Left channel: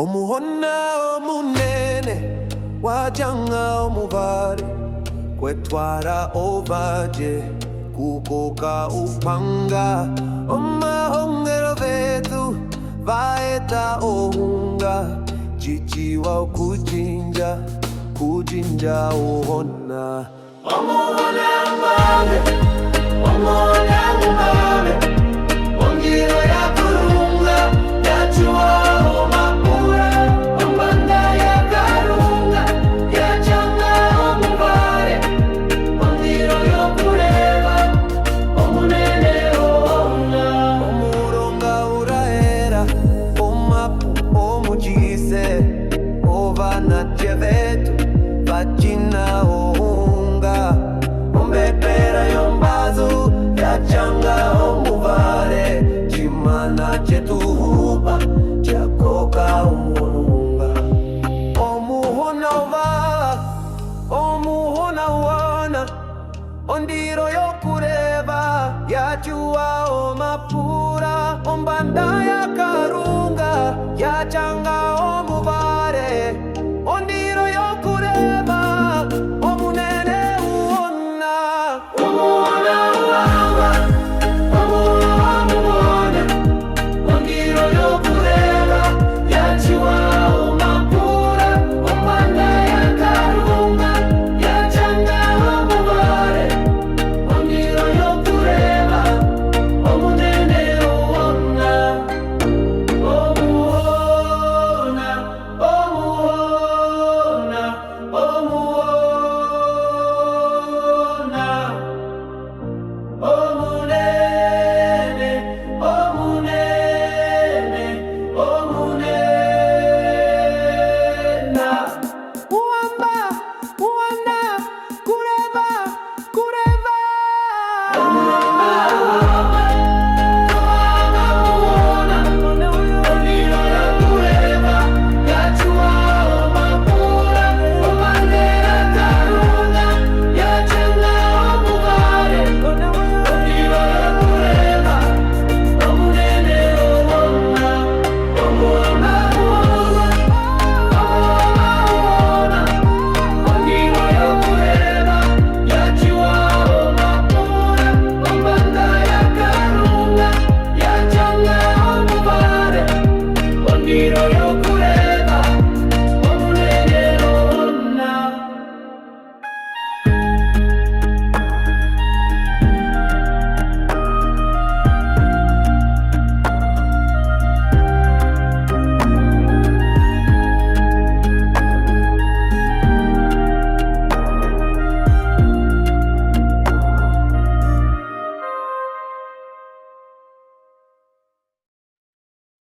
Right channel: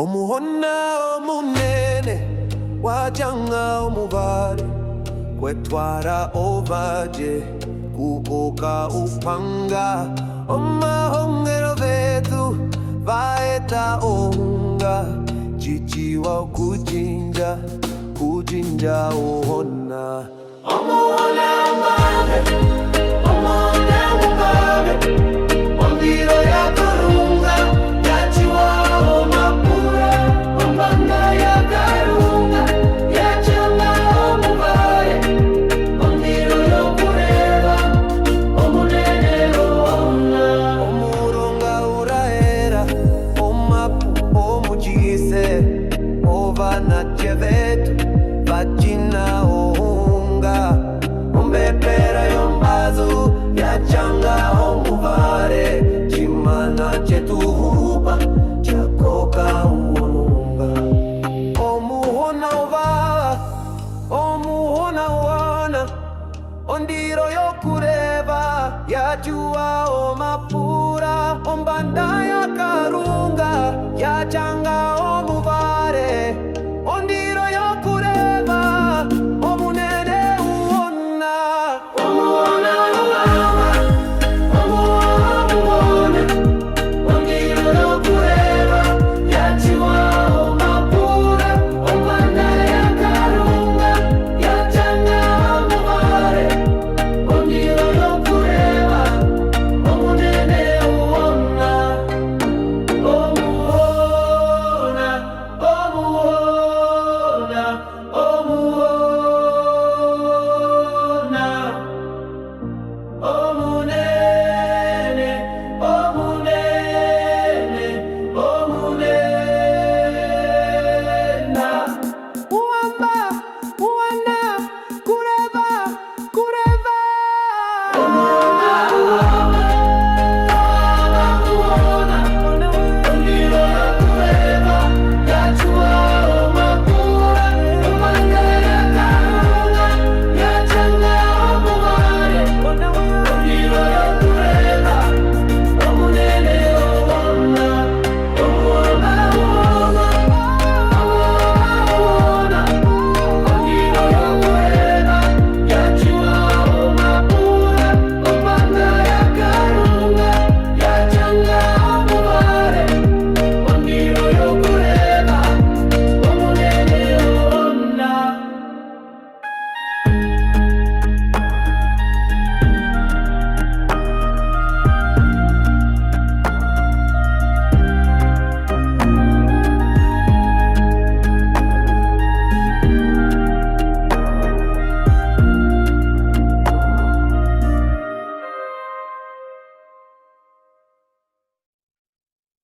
Omuhona omunene wajanga omubare kwetwara obaje kukoka upanga omahongero vetu vaeta ohunga jijiwa kujinja ohona omuhona mbabe ovana chevetu vachina ohunga ombepera yombazu yachanga omuvare chimana chetuhupa chakoka omununga omuhona ovava omuhona wana ondiro yokureva yachua omapura ombanda yakarunga yachanga